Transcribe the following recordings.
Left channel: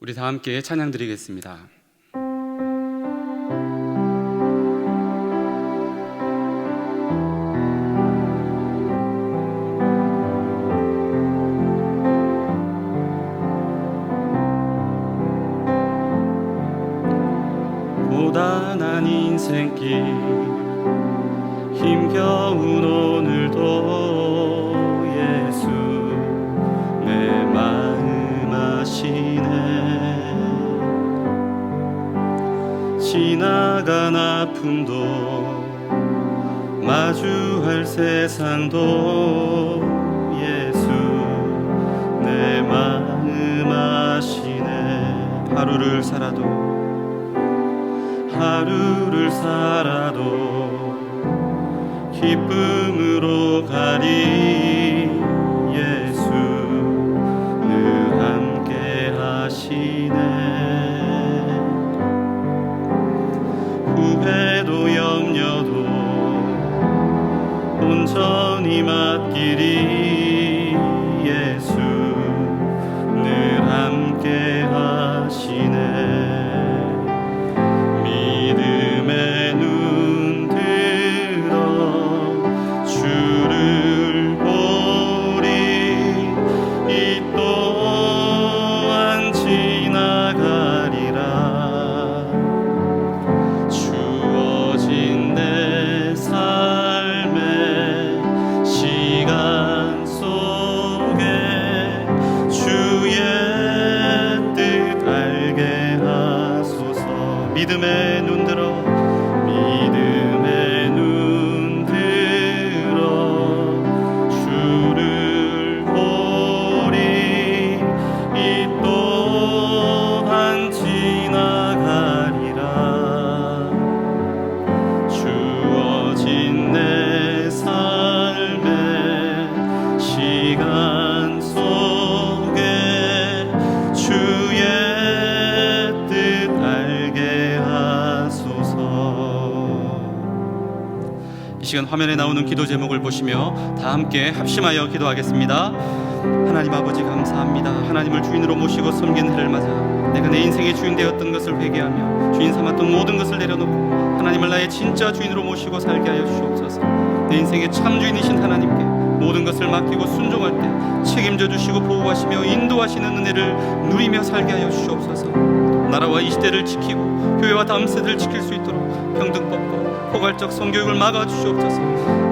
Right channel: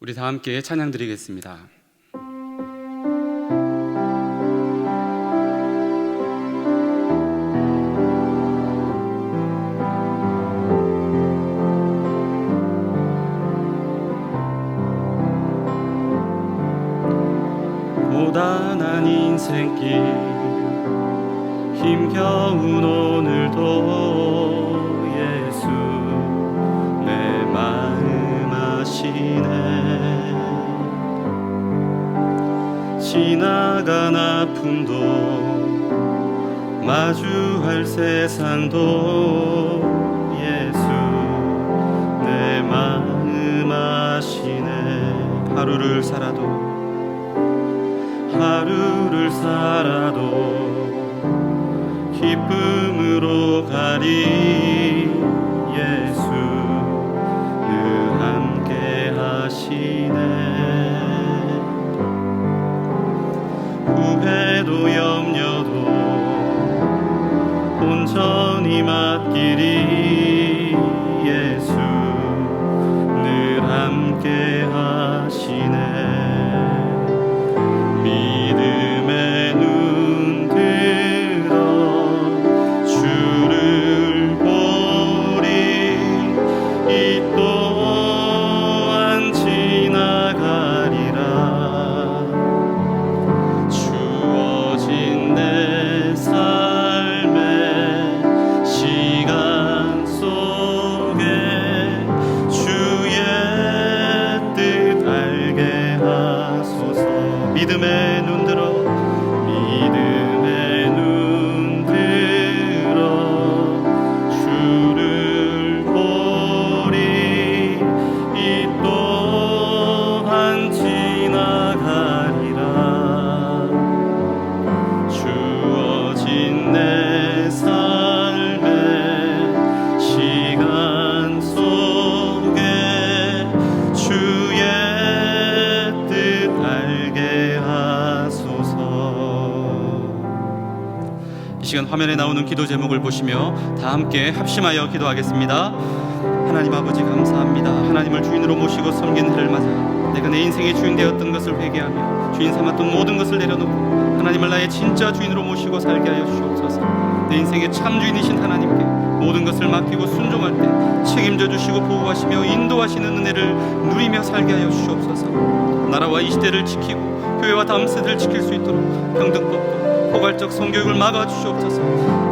우리 다 함께 찬양 드리겠습니다. 고단한 인생길 힘겨운 오늘도 예수 내 마음 아시네. 지나간 아픔도 마주할 세상도 예수 내 마음 아시네. 하루를 살아도 기쁨으로 가리. 예수 늘 함께 하시네. 후회도 염려도 온전히 맡기리. 예수 늘 함께 하시네. 믿음의 눈 들어 주를 보리. 이 또한 지나가리라. 주어진 내 삶의 시간 속에 주의 뜻 알게 하소서. 믿음의 눈 들어 주를 보리. 이 또한 지나가리라. 주어진 내 삶의 시간 속에 주의 뜻 알게 하소서. 이 시간 화면에 나오는 기도 제목을 보시며 다 함께 합심하여 기도하겠습니다. 하나님 아버지 감사합니다. 하나님을 주인으로 모시고 섬긴 해를 맞아 내가 내 인생의 주인 되었던 것을 회개하며 주인 삼았던 모든 것을 내려놓고 하나님을 나의 진짜 주인으로 모시고 살게 하여 주시옵소서. 내 인생의 참 주인이신 하나님께 모든 것을 맡기고 순종할 때 책임져 주시고 보호하시며 인도하시는 은혜를 누리며 살게 하여 주시옵소서. 나라와 이 시대를 지키고 교회와 다음 세대를 지킬 수 있도록 평등법과 포괄적 성교육을 막아 주시옵소서.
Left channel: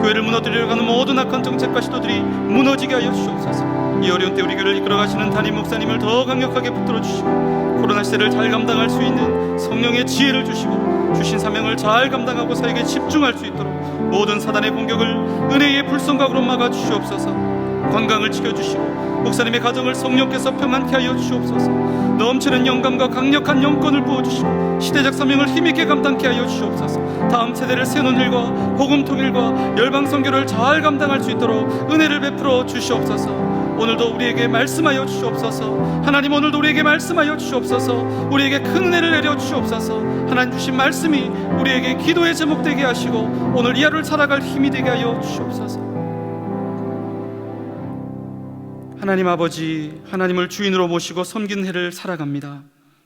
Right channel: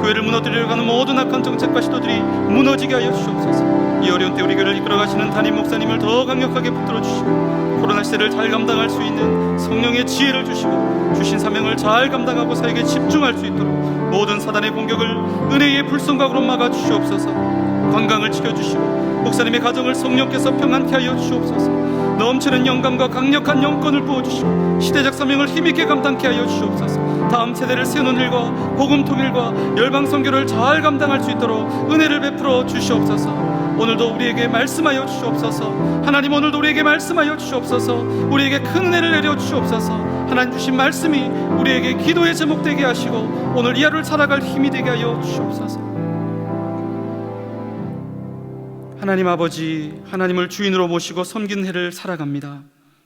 교회를 무너뜨리려 하는 모든 악한 정책과 시도들이 무너지게 하여 주시옵소서. 이 어려운 때 우리 교회를 이끌어 가시는 담임 목사님을 더 강력하게 붙들어 주시고 코로나 시대를 잘 감당할 수 있는 성령의 지혜를 주시고 주신 사명을 잘 감당하고 사역에 집중할 수 있도록 모든 사단의 공격을 은혜의 불성각으로 막아 주시옵소서. 건강을 지켜주시고 목사님의 가정을 성령께서 평안케 하여 주시옵소서. 넘치는 영감과 강력한 영권을 부어주시고 시대적 사명을 힘있게 감당케 하여 주시옵소서. 다음 세대를 세우는 일과 복음 통일과 열방 선교를 잘 감당할 수 있도록 은혜를 베풀어 주시옵소서. 오늘도 우리에게 말씀하여 주시옵소서. 하나님, 오늘도 우리에게 말씀하여 주시옵소서. 우리에게 큰 은혜를 내려 주시옵소서. 하나님 주신 말씀이 우리에게 기도의 제목 되게 하시고 오늘 이 하루를 살아갈 힘이 되게 하여 주시옵소서. 하나님 아버지, 하나님을 주인으로 모시고 섬기는 해를 살아갑니다.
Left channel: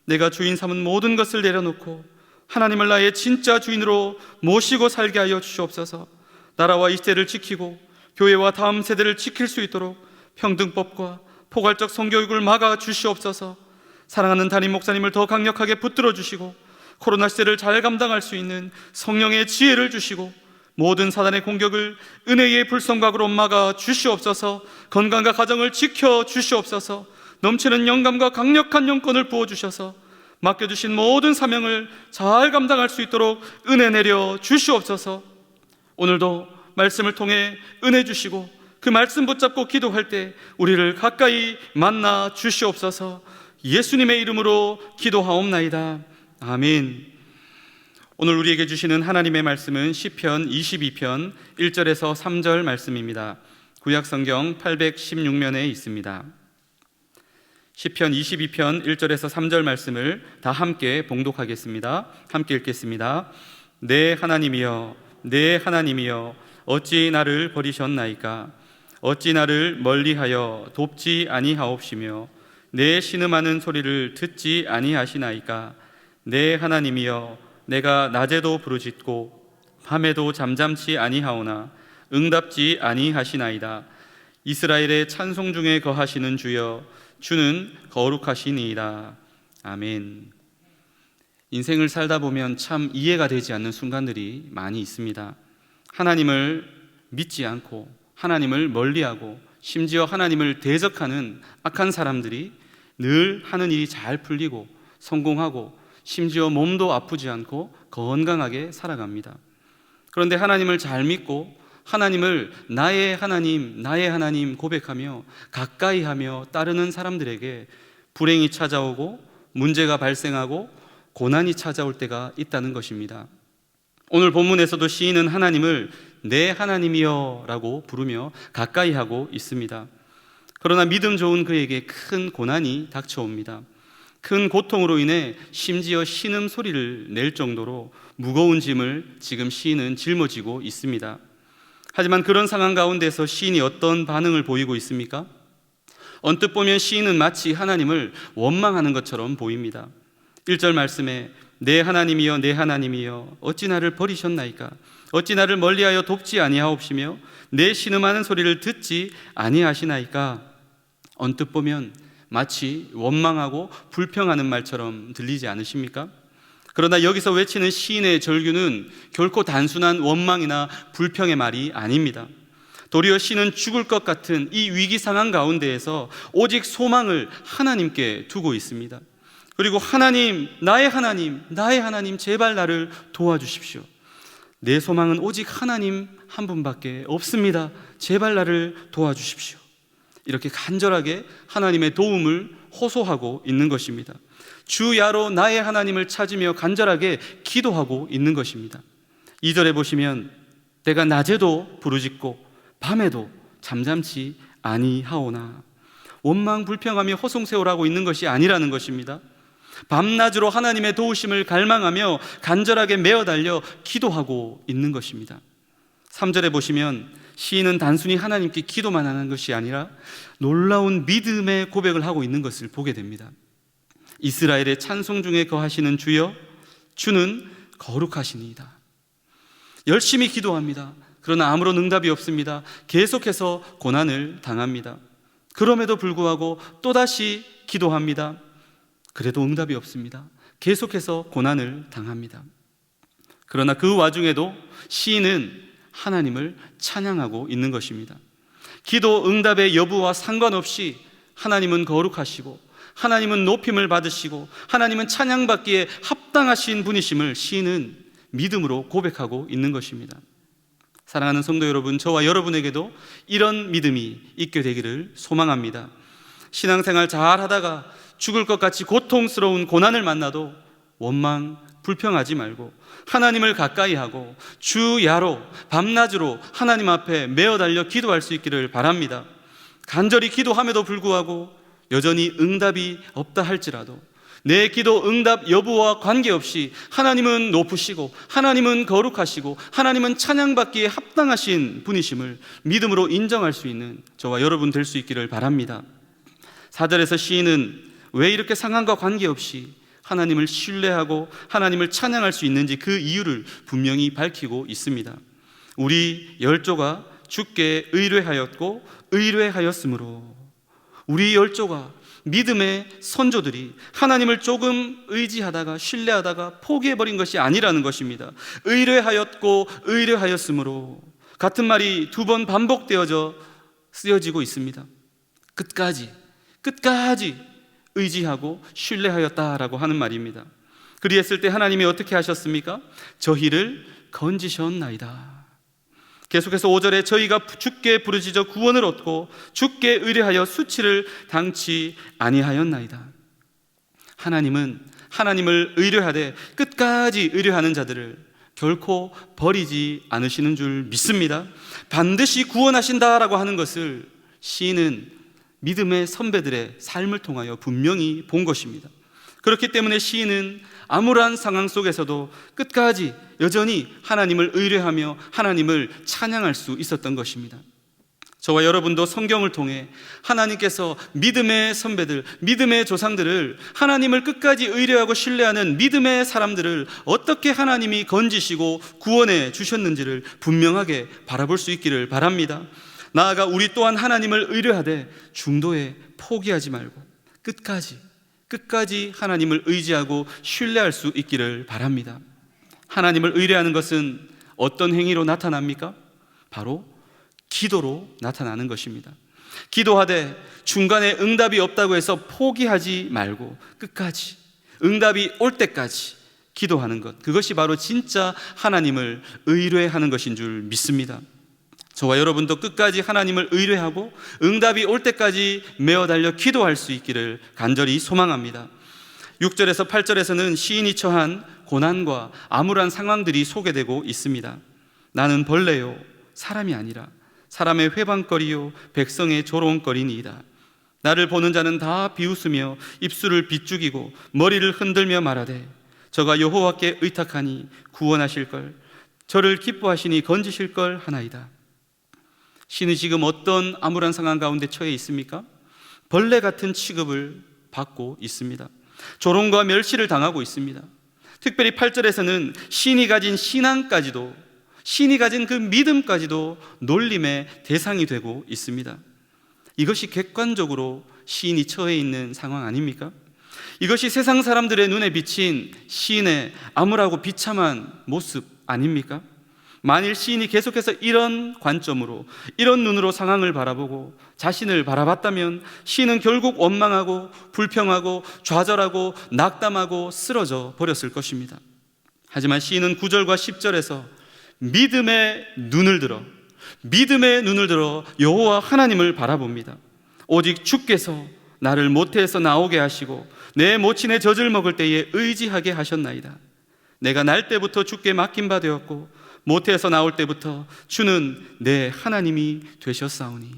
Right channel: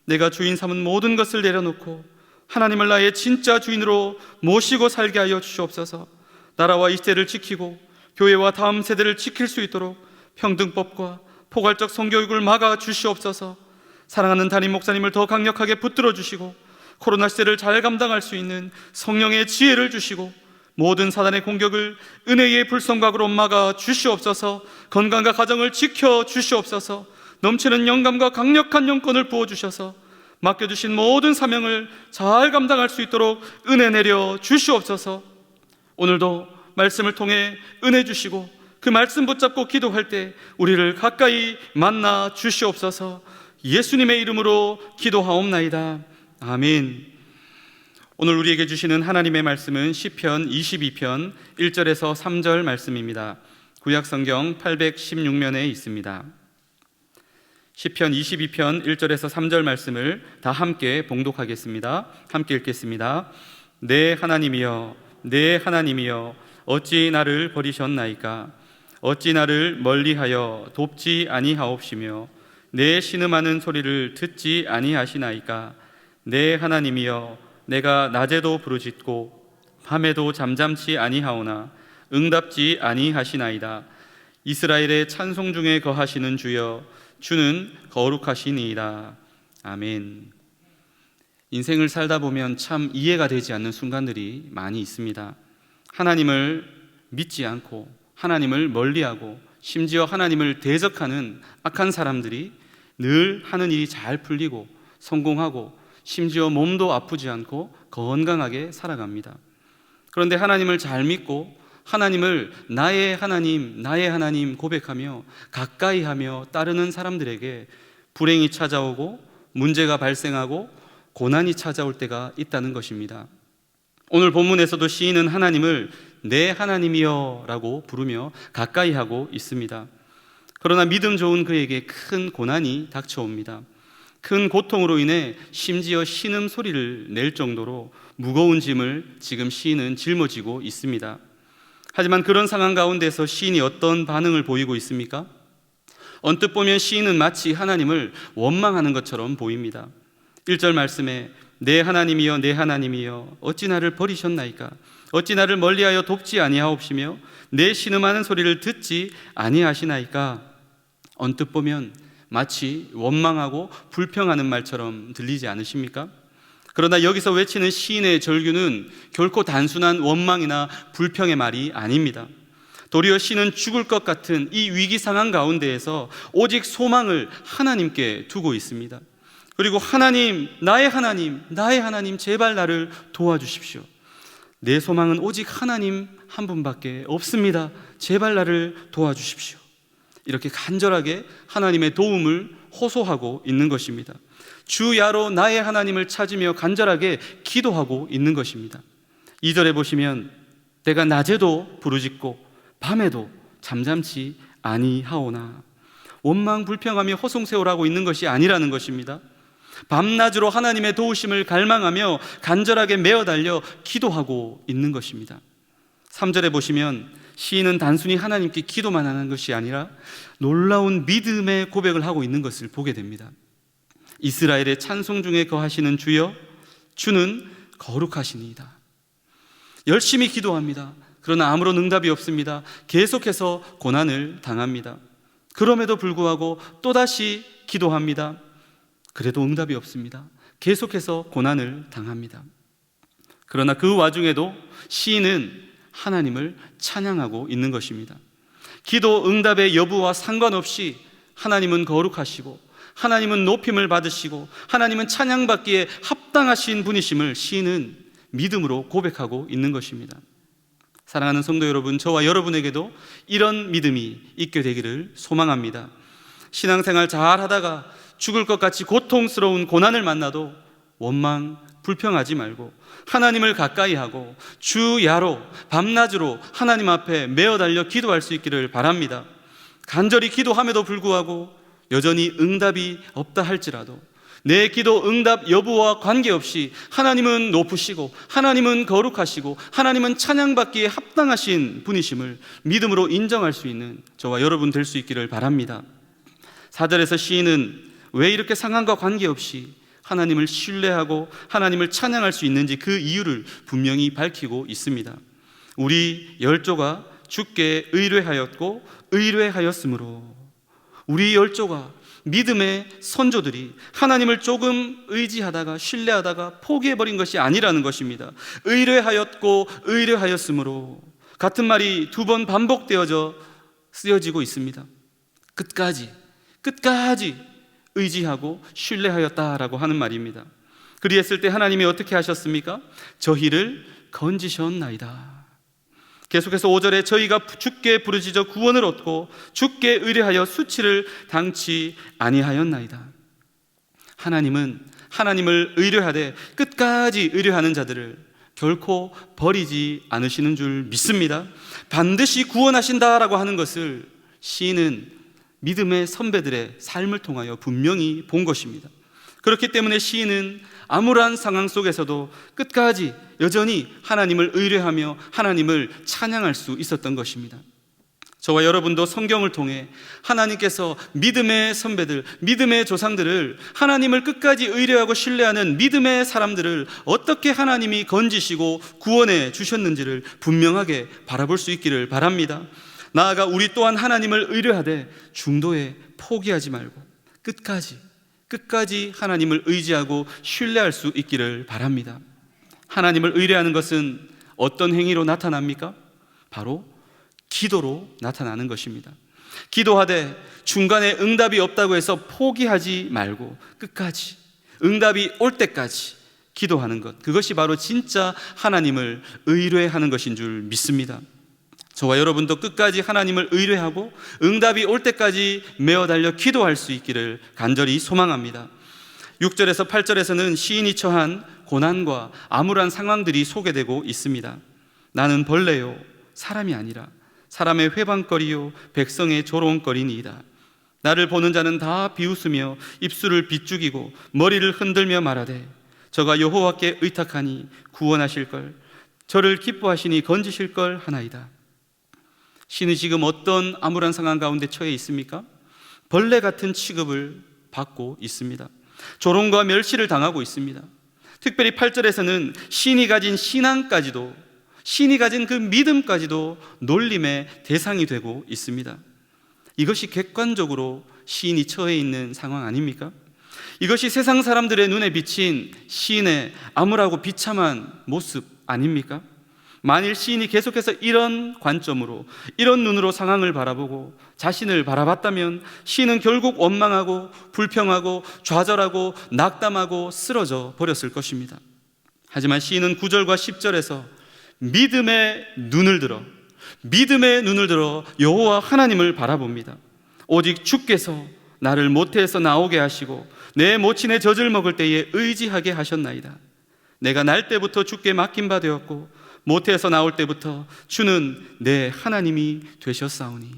내가 주인 삼은 모든 것을 내려놓고 하나님을 나의 진짜 주인으로 모시고 살게 하여 주시옵소서. 나라와 이 시대를 지키고 교회와 다음 세대를 지킬 수 있도록 평등법과 포괄적 성교육을 막아 주시옵소서. 사랑하는 담임 목사님을 더 강력하게 붙들어 주시고 코로나 시대를 잘 감당할 수 있는 성령의 지혜를 주시고 모든 사단의 공격을 은혜의 불성각으로 막아 주시옵소서. 건강과 가정을 지켜 주시옵소서. 넘치는 영감과 강력한 영권을 부어주셔서 맡겨주신 모든 사명을 잘 감당할 수 있도록 은혜 내려 주시옵소서. 오늘도 말씀을 통해 은혜 주시고 그 말씀 붙잡고 기도할 때 우리를 가까이 만나 주시옵소서. 예수님의 이름으로 기도하옵나이다. 아멘. 오늘 우리에게 주시는 하나님의 말씀은 시편 22편 1절에서 3절 말씀입니다. 구약성경 816면에 있습니다. 시편 22편 1절에서 3절 말씀을 다 함께 봉독하겠습니다. 함께 읽겠습니다. 내 하나님이여, 내 하나님이여, 어찌 나를 버리셨나이까? 어찌 나를 멀리하여 돕지 아니하옵시며 내 신음하는 소리를 듣지 아니하시나이까? 내 하나님이여, 내가 낮에도 부르짖고 밤에도 잠잠치 아니하오나 응답지 아니하시나이다. 이스라엘의 찬송 중에 거하시는 주여, 주는 거룩하시니이다. 아멘. 인생을 살다 보면 참 이해가 되지 않는 순간들이 많이 있습니다. 하나님을 믿지 않고 하나님을 멀리하고 심지어 하나님을 대적하는 악한 사람들이 늘 하는 일이 잘 풀리고 성공하고 심지어 몸도 아프지 않고 건강하게 살아갑니다. 그런데 하나님을 잘 믿고 하나님을 나의 하나님 고백하며 가까이 하며 따르는 사람들에게 불행이 찾아오고 문제가 발생하고 고난이 찾아올 때가 있다는 것입니다. 오늘 본문에서도 시인은 하나님을 내 하나님이여 라고 부르며 가까이 하고 있습니다. 그러나 믿음 좋은 그에게 큰 고난이 닥쳐옵니다. 큰 고통으로 인해 심지어 신음 소리를 낼 정도로 무거운 짐을 지금 시인은 짊어지고 있습니다. 하지만 그런 상황 가운데서 시인이 어떤 반응을 보이고 있습니까? 언뜻 보면 시인은 마치 하나님을 원망하는 것처럼 보입니다. 1절 말씀에 내 하나님이여, 내 하나님이여, 어찌 나를 버리셨나이까? 어찌 나를 멀리하여 돕지 아니하옵시며 내 신음하는 소리를 듣지 아니하시나이까? 언뜻 보면 마치 원망하고 불평하는 말처럼 들리지 않으십니까? 그러나 여기서 외치는 시인의 절규는 결코 단순한 원망이나 불평의 말이 아닙니다. 도리어 시인은 죽을 것 같은 이 위기 상황 가운데에서 오직 소망을 하나님께 두고 있습니다. 그리고 하나님, 나의 하나님, 제발 나를 도와주십시오. 내 소망은 오직 하나님 한 분밖에 없습니다. 제발 나를 도와주십시오. 이렇게 간절하게 하나님의 도움을 호소하고 있는 것입니다. 주야로 나의 하나님을 찾으며 간절하게 기도하고 있는 것입니다. 2절에 보시면 내가 낮에도 부르짖고 밤에도 잠잠치 아니하오나, 원망 불평하며 허송세월하고 있는 것이 아니라는 것입니다. 밤낮으로 하나님의 도우심을 갈망하며 간절하게 메어 달려 기도하고 있는 것입니다. 3절에 보시면 시인은 단순히 하나님께 기도만 하는 것이 아니라 놀라운 믿음의 고백을 하고 있는 것을 보게 됩니다. 이스라엘의 찬송 중에 거하시는 주여, 주는 거룩하시니이다. 열심히 기도합니다. 그러나 아무런 응답이 없습니다. 계속해서 고난을 당합니다. 그럼에도 불구하고 또다시 기도합니다. 그래도 응답이 없습니다. 계속해서 고난을 당합니다. 그러나 그 와중에도 시인은 하나님을 찬양하고 있는 것입니다. 기도 응답의 여부와 상관없이 하나님은 거룩하시고 하나님은 높임을 받으시고 하나님은 찬양받기에 합당하신 분이심을 시인은 믿음으로 고백하고 있는 것입니다. 사랑하는 성도 여러분, 저와 여러분에게도 이런 믿음이 있게 되기를 소망합니다. 신앙생활 잘 하다가 죽을 것 같이 고통스러운 고난을 만나도 원망, 불평하지 말고 하나님을 가까이 하고 주야로 밤낮으로 하나님 앞에 메어 달려 기도할 수 있기를 바랍니다. 간절히 기도함에도 불구하고 여전히 응답이 없다 할지라도 내 기도 응답 여부와 관계없이 하나님은 높으시고 하나님은 거룩하시고 하나님은 찬양받기에 합당하신 분이심을 믿음으로 인정할 수 있는 저와 여러분 될 수 있기를 바랍니다. 4절에서 시인은 왜 이렇게 상황과 관계없이 하나님을 신뢰하고 하나님을 찬양할 수 있는지 그 이유를 분명히 밝히고 있습니다. 우리 열조가 주께 의뢰하였고 의뢰하였으므로, 우리 열조가 믿음의 선조들이 하나님을 조금 의지하다가 신뢰하다가 포기해버린 것이 아니라는 것입니다. 의뢰하였고 의뢰하였으므로, 같은 말이 두 번 반복되어져 쓰여지고 있습니다. 끝까지 의지하고 신뢰하였다라고 하는 말입니다. 그리했을 때 하나님이 어떻게 하셨습니까? 저희를 건지셨나이다. 계속해서 5절에 저희가 주께 부르짖어 구원을 얻고 주께 의뢰하여 수치를 당치 아니하였나이다. 하나님은 하나님을 의뢰하되 끝까지 의뢰하는 자들을 결코 버리지 않으시는 줄 믿습니다. 반드시 구원하신다라고 하는 것을 시인은 믿음의 선배들의 삶을 통하여 분명히 본 것입니다. 그렇기 때문에 시인은 암울한 상황 속에서도 끝까지 여전히 하나님을 의뢰하며 하나님을 찬양할 수 있었던 것입니다. 저와 여러분도 성경을 통해 하나님께서 믿음의 선배들, 믿음의 조상들을, 하나님을 끝까지 의뢰하고 신뢰하는 믿음의 사람들을 어떻게 하나님이 건지시고 구원해 주셨는지를 분명하게 바라볼 수 있기를 바랍니다. 나아가 우리 또한 하나님을 의뢰하되 중도에 포기하지 말고 끝까지 하나님을 의지하고 신뢰할 수 있기를 바랍니다. 하나님을 의뢰하는 것은 어떤 행위로 나타납니까? 바로 기도로 나타나는 것입니다. 기도하되 중간에 응답이 없다고 해서 포기하지 말고 끝까지 응답이 올 때까지 기도하는 것, 그것이 바로 진짜 하나님을 의뢰하는 것인 줄 믿습니다. 저와 여러분도 끝까지 하나님을 의뢰하고 응답이 올 때까지 메어 달려 기도할 수 있기를 간절히 소망합니다. 6절에서 8절에서는 시인이 처한 고난과 암울한 상황들이 소개되고 있습니다. 나는 벌레요 사람이 아니라 사람의 회방거리요 백성의 조롱거리니이다. 나를 보는 자는 다 비웃으며 입술을 비죽이고 머리를 흔들며 말하되 저가 여호와께 의탁하니 구원하실걸, 저를 기뻐하시니 건지실걸 하나이다. 시인은 지금 어떤 암울한 상황 가운데 처해 있습니까? 벌레 같은 취급을 받고 있습니다. 조롱과 멸시를 당하고 있습니다. 특별히 8절에서는 시인이 가진 신앙까지도, 시인이 가진 그 믿음까지도 놀림의 대상이 되고 있습니다. 이것이 객관적으로 시인이 처해 있는 상황 아닙니까? 이것이 세상 사람들의 눈에 비친 시인의 암울하고 비참한 모습 아닙니까? 만일 시인이 계속해서 이런 관점으로, 이런 눈으로 상황을 바라보고 자신을 바라봤다면 시인은 결국 원망하고 불평하고 좌절하고 낙담하고 쓰러져 버렸을 것입니다. 하지만 시인은 9절과 10절에서 믿음의 눈을 들어 여호와 하나님을 바라봅니다. 오직 주께서 나를 모태에서 나오게 하시고 내 모친의 젖을 먹을 때에 의지하게 하셨나이다. 내가 날 때부터 주께 맡긴 바 되었고 모태에서 나올 때부터 주는 내 하나님이 되셨사오니,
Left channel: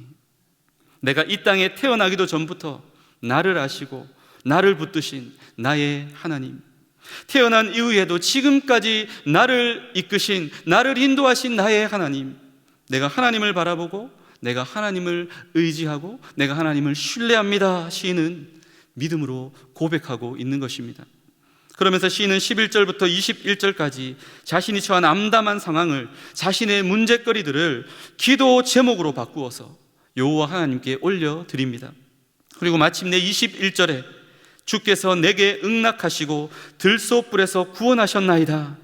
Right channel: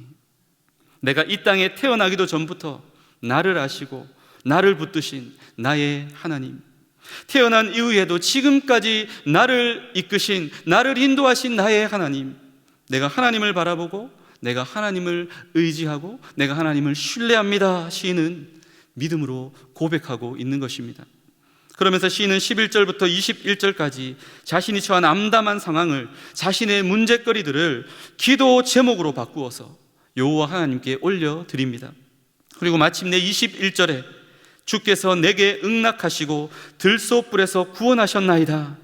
내가 이 땅에 태어나기도 전부터 나를 아시고 나를 붙드신 나의 하나님, 태어난 이후에도 지금까지 나를 이끄신, 나를 인도하신 나의 하나님, 내가 하나님을 바라보고 내가 하나님을 의지하고 내가 하나님을 신뢰합니다. 시인은 믿음으로 고백하고 있는 것입니다. 그러면서 시인은 11절부터 21절까지 자신이 처한 암담한 상황을, 자신의 문제거리들을 기도 제목으로 바꾸어서 여호와 하나님께 올려드립니다. 그리고 마침내 21절에 주께서 내게 응낙하시고 들소불에서 구원하셨나이다,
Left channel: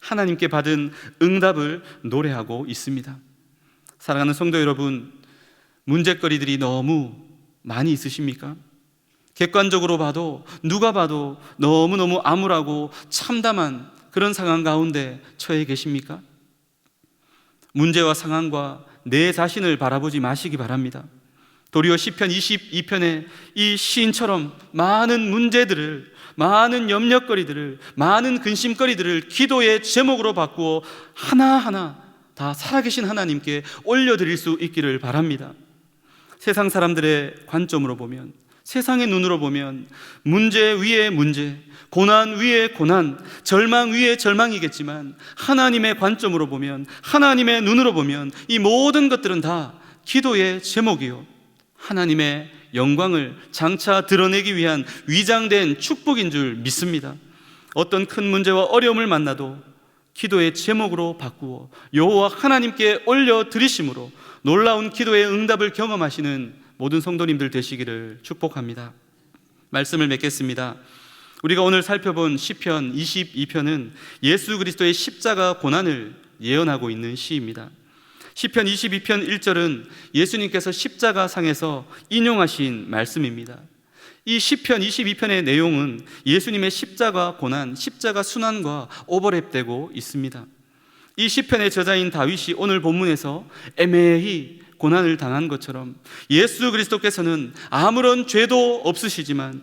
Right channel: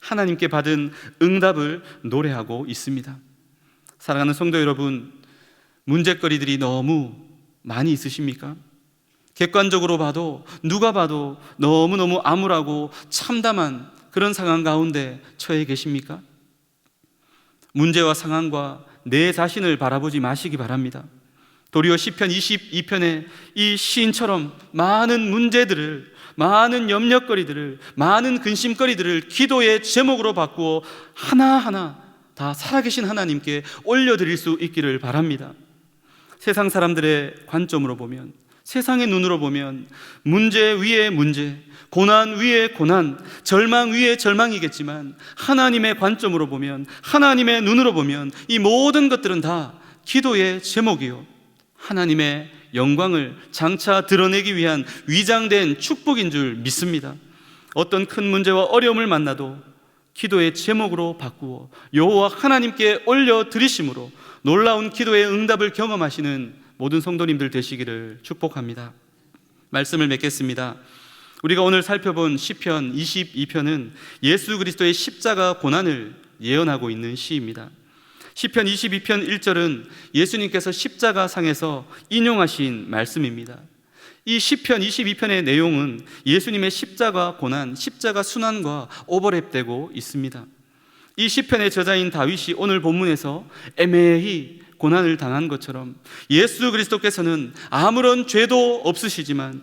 하나님께 받은 응답을 노래하고 있습니다. 사랑하는 성도 여러분, 문제거리들이 너무 많이 있으십니까? 객관적으로 봐도, 누가 봐도 너무너무 암울하고 참담한 그런 상황 가운데 처해 계십니까? 문제와 상황과 내 자신을 바라보지 마시기 바랍니다. 도리어 시편 22편에 이 시인처럼 많은 문제들을, 많은 염려거리들을, 많은 근심거리들을 기도의 제목으로 바꾸어 하나하나 다 살아계신 하나님께 올려드릴 수 있기를 바랍니다. 세상 사람들의 관점으로 보면, 세상의 눈으로 보면 문제 위에 문제, 고난 위에 고난, 절망 위에 절망이겠지만 하나님의 관점으로 보면, 하나님의 눈으로 보면 이 모든 것들은 다 기도의 제목이요, 하나님의 영광을 장차 드러내기 위한 위장된 축복인 줄 믿습니다. 어떤 큰 문제와 어려움을 만나도 기도의 제목으로 바꾸어 여호와 하나님께 올려드리심으로 놀라운 기도의 응답을 경험하시는 모든 성도님들 되시기를 축복합니다. 말씀을 맺겠습니다. 우리가 오늘 살펴본 시편 22편은 예수 그리스도의 십자가 고난을 예언하고 있는 시입니다. 시편 22편 1절은 예수님께서 십자가 상에서 인용하신 말씀입니다. 이 시편 22편의 내용은 예수님의 십자가 고난, 십자가 순환과 오버랩되고 있습니다. 이 시편의 저자인 다윗이 오늘 본문에서 애매히 고난을 당한 것처럼 예수 그리스도께서는 아무런 죄도 없으시지만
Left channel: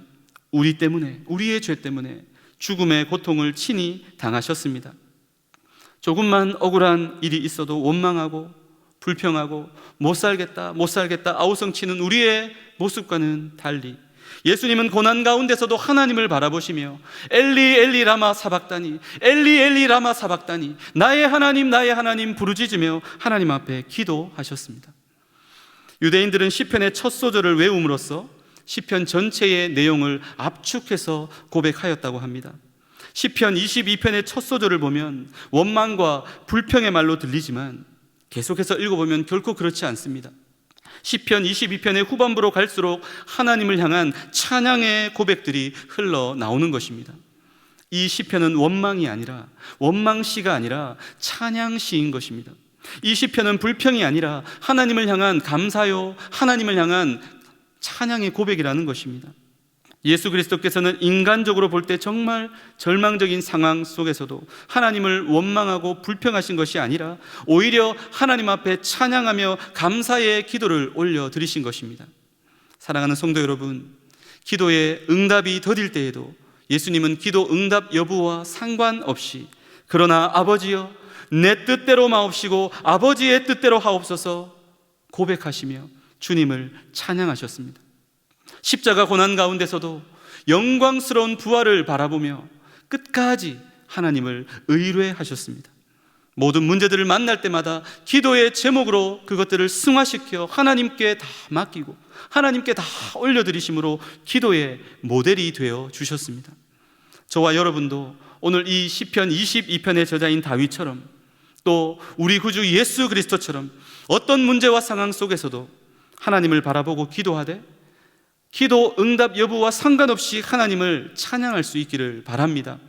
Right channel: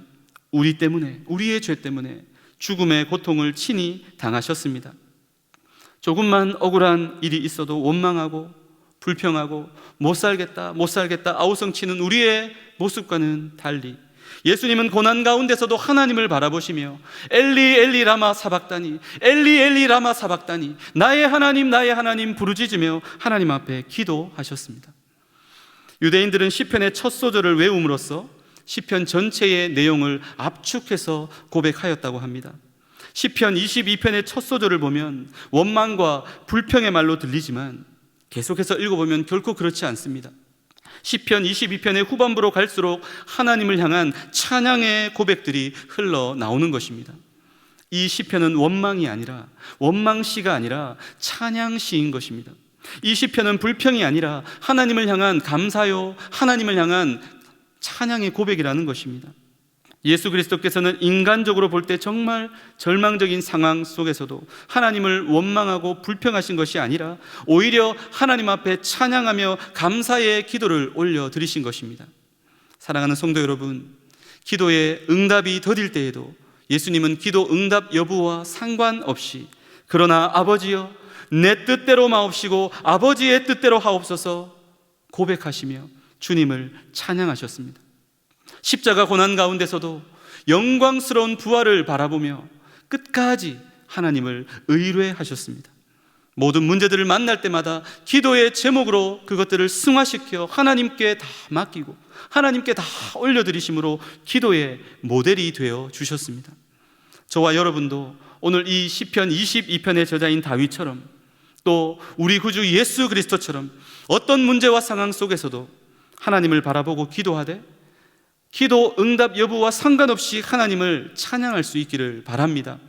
우리 때문에, 우리의 죄 때문에 죽음의 고통을 친히 당하셨습니다. 조금만 억울한 일이 있어도 원망하고 불평하고 못 살겠다 아우성치는 우리의 모습과는 달리 예수님은 고난 가운데서도 하나님을 바라보시며 엘리 엘리 라마 사박다니, 엘리 엘리 라마 사박다니, 나의 하나님 부르짖으며 하나님 앞에 기도하셨습니다. 유대인들은 시편의 첫 소절을 외움으로써 시편 전체의 내용을 압축해서 고백하였다고 합니다. 시편 22편의 첫 소절을 보면 원망과 불평의 말로 들리지만 계속해서 읽어보면 결코 그렇지 않습니다. 시편 22편의 후반부로 갈수록 하나님을 향한 찬양의 고백들이 흘러나오는 것입니다. 이 시편은 원망이 아니라, 원망시가 아니라 찬양시인 것입니다. 이 시편은 불평이 아니라 하나님을 향한 감사요, 하나님을 향한 찬양의 고백이라는 것입니다. 예수 그리스도께서는 인간적으로 볼 때 정말 절망적인 상황 속에서도 하나님을 원망하고 불평하신 것이 아니라 오히려 하나님 앞에 찬양하며 감사의 기도를 올려드리신 것입니다. 사랑하는 성도 여러분, 기도의 응답이 더딜 때에도 예수님은 기도 응답 여부와 상관없이 그러나 아버지여 내 뜻대로 마옵시고 아버지의 뜻대로 하옵소서 고백하시며 주님을 찬양하셨습니다. 십자가 고난 가운데서도 영광스러운 부활을 바라보며 끝까지 하나님을 의뢰하셨습니다. 모든 문제들을 만날 때마다 기도의 제목으로 그것들을 승화시켜 하나님께 다 맡기고 하나님께 다 올려드리심으로 기도의 모델이 되어 주셨습니다. 저와 여러분도 오늘 이 시편 22편의 저자인 다윗처럼 또 우리 구주 예수 그리스도처럼 어떤 문제와 상황 속에서도 하나님을 바라보고 기도하되 기도 응답 여부와 상관없이 하나님을 찬양할 수 있기를 바랍니다.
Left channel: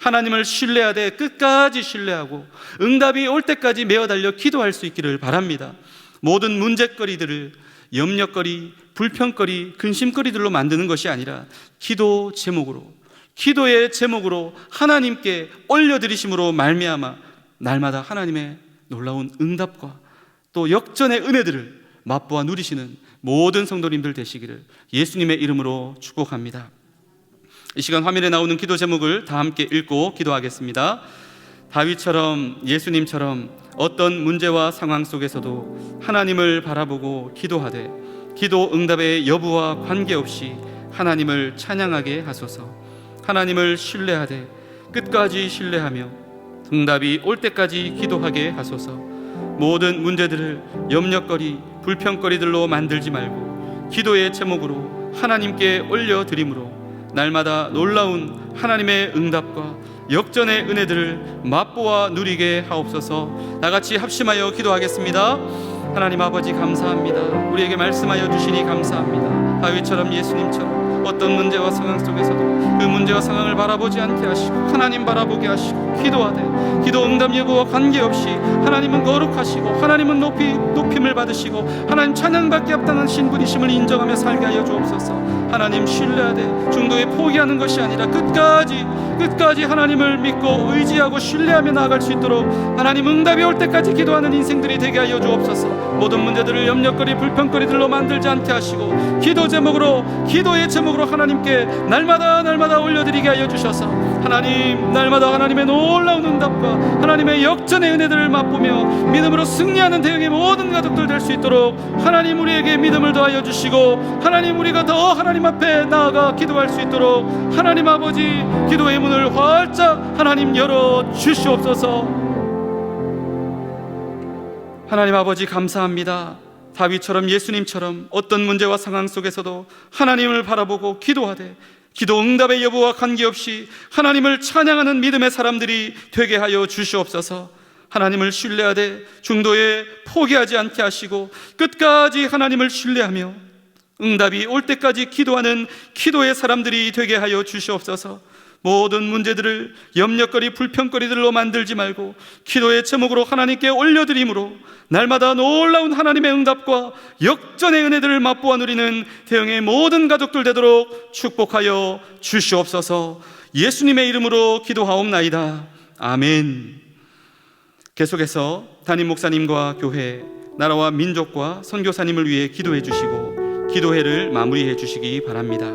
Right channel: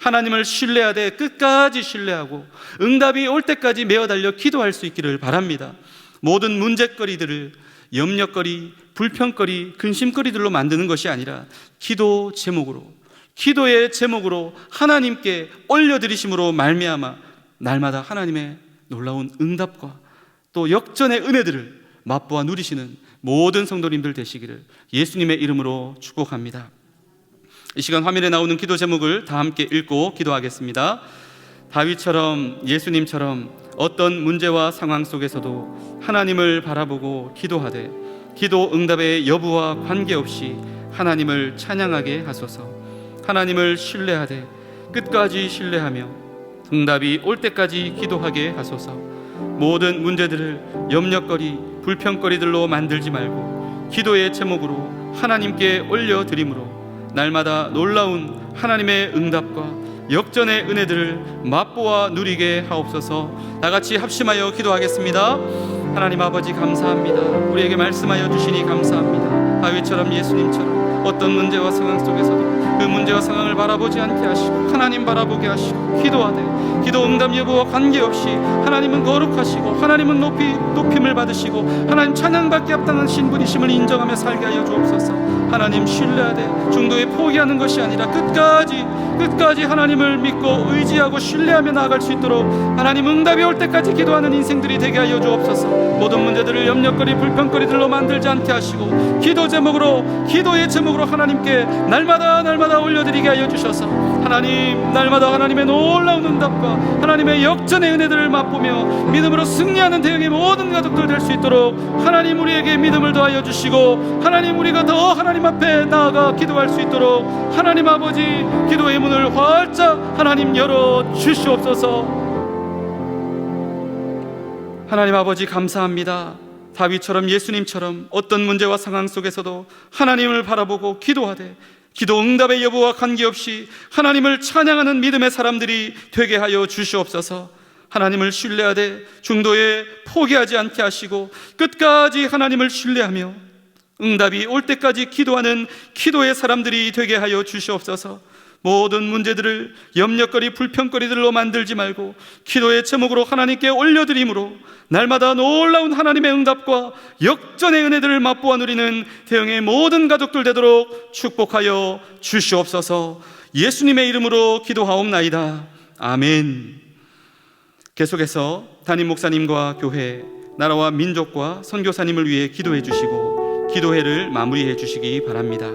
하나님을 신뢰하되 끝까지 신뢰하고 응답이 올 때까지 메어 달려 기도할 수 있기를 바랍니다. 모든 문제거리들을 염려거리, 불평거리, 근심거리들로 만드는 것이 아니라 기도 제목으로, 기도의 제목으로 하나님께 올려드리심으로 말미암아 날마다 하나님의 놀라운 응답과 또 역전의 은혜들을 맛보아 누리시는 모든 성도님들 되시기를 예수님의 이름으로 축복합니다. 이 시간 화면에 나오는 기도 제목을 다 함께 읽고 기도하겠습니다. 다윗처럼 예수님처럼 어떤 문제와 상황 속에서도 하나님을 바라보고 기도하되 기도 응답의 여부와 관계없이 하나님을 찬양하게 하소서. 하나님을 신뢰하되 끝까지 신뢰하며 응답이 올 때까지 기도하게 하소서. 모든 문제들을 염려거리, 불평거리들로 만들지 말고 기도의 제목으로 하나님께 올려드림으로 날마다 놀라운 하나님의 응답과 역전의 은혜들을 맛보아 누리게 하옵소서. 다같이 합심하여 기도하겠습니다. 하나님 아버지 감사합니다. 우리에게 말씀하여 주시니 감사합니다. 다윗처럼 예수님처럼 어떤 문제와 상황 속에서도 그 문제와 상황을 바라보지 않게 하시고 하나님 바라보게 하시고 기도하되 기도 응답 여부와 관계없이 하나님은 거룩하시고 하나님은 높임을 받으시고 하나님 찬양받기 합당하신 분이심을 인정하며 살게 하여 주옵소서. 하나님 신뢰하되 중도에 포기하는 것이 아니라 끝까지 하나님을 믿고 의지하고 신뢰하며 나아갈 수 있도록 하나님 응답이 올 때까지 기도하는 인생들이 되게 하여 주옵소서. 모든 문제들을 염려거리 불평거리들로 만들지 않게 하시고 기도의 제목으로 하나님께 날마다 올려드리게 하여 주셔서 하나님 날마다 하나님의 놀라운 응답과 하나님의 역전의 은혜들을 맛보며 믿음으로 승리하는 대응의 모든 가족들 될 수 있도록 하나님 우리에게 믿음을 더하여 주시고 하나님 우리가 더 하나님 앞에 나아가 기도할 수 있도록 하나님 아버지 기도의 문을 활짝 하나님 열어 주시옵소서. 하나님 아버지 감사합니다. 다윗처럼 예수님처럼 어떤 문제와 상황 속에서도 하나님을 바라보고 기도하되 기도 응답의 여부와 관계없이 하나님을 찬양하는 믿음의 사람들이 되게 하여 주시옵소서. 하나님을 신뢰하되 중도에 포기하지 않게 하시고 끝까지 하나님을 신뢰하며 응답이 올 때까지 기도하는 기도의 사람들이 되게 하여 주시옵소서. 모든 문제들을 염려거리 불평거리들로 만들지 말고 기도의 제목으로 하나님께 올려드림으로 날마다 놀라운 하나님의 응답과 역전의 은혜들을 맛보아 누리는 대형의 모든 가족들 되도록 축복하여 주시옵소서. 예수님의 이름으로 기도하옵나이다. 아멘. 계속해서 담임 목사님과 교회, 나라와 민족과 선교사님을 위해 기도해 주시고 기도회를 마무리해 주시기 바랍니다.